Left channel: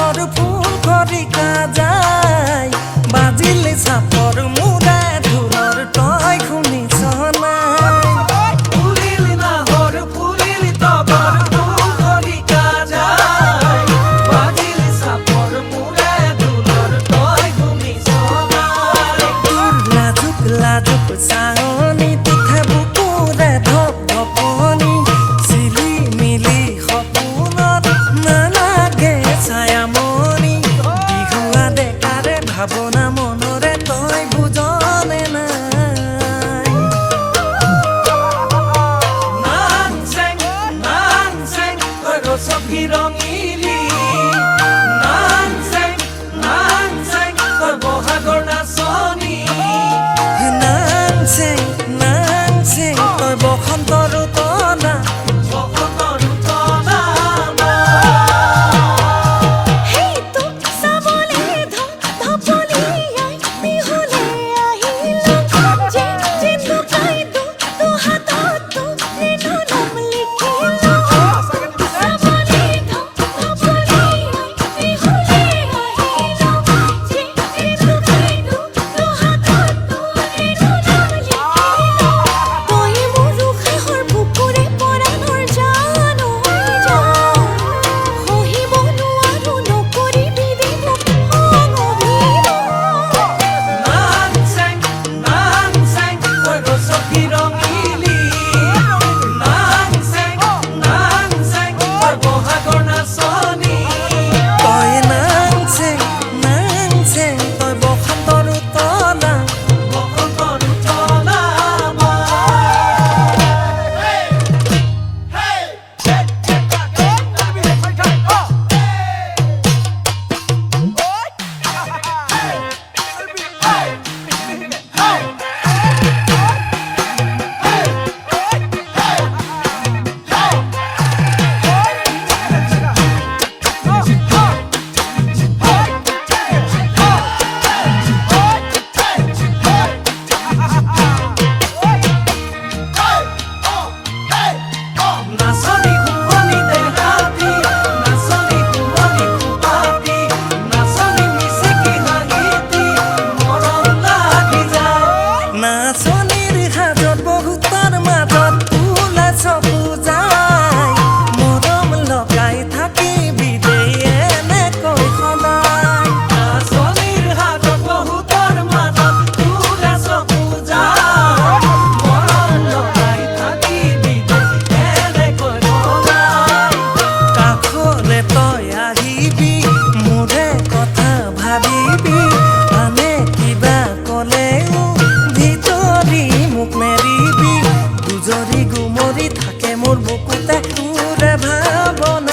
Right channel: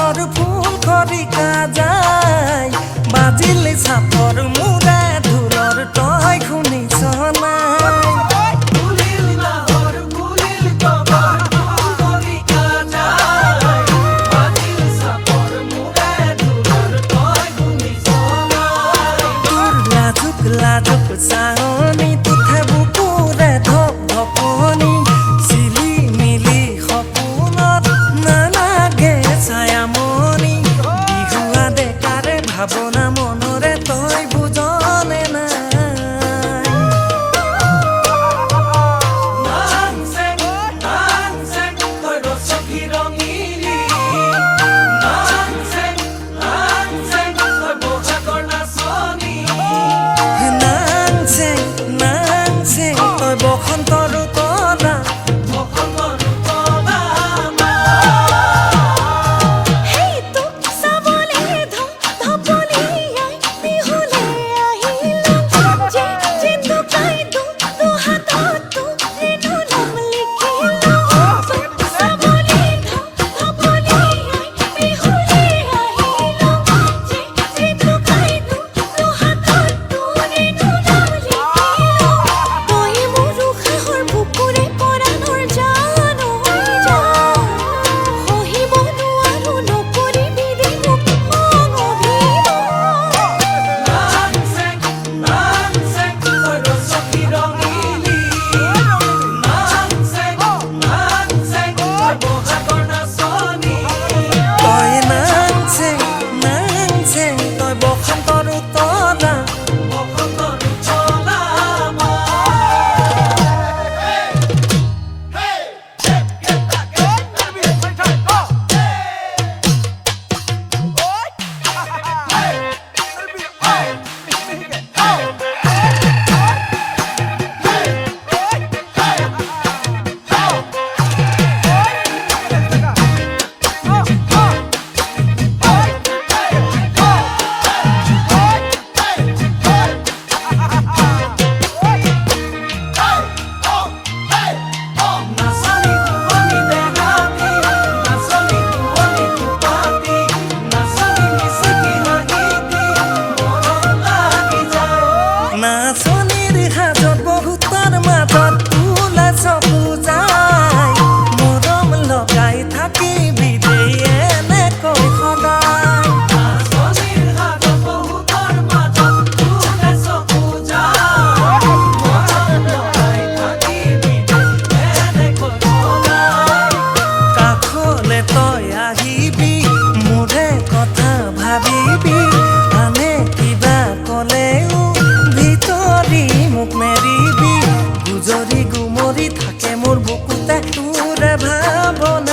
হাতৰ ফুল খৰিকা যায় বাজিলে চাপৰ মুৰা ঢোলৰ তই শুনিছ নাই লাজুক চাহনি তুঠে বুকুৰে ধপ ধপনি চিলি মিলি সপোনত নালাগে ছায়ামণি বিহুৱা ডেকাৰে ভাৱনা মনৰে তই বুজনে নাই তই বসন্তৰ তলা তই বসন্তৰ তলা নাচনিৰ হাজত বহুতৰ মাজত ওলাই চকু যায় মৰম লগাই থাকিবি দেই এনেকৈ সদায় কাষলে তই আহিবি মোৰে কথা ভাবিবি আনে কিবা ক'লেও মোক নেৰিবি গুজৰি গুমৰি থাকে মোৰ বুকুতে তোৰে ভাৱনা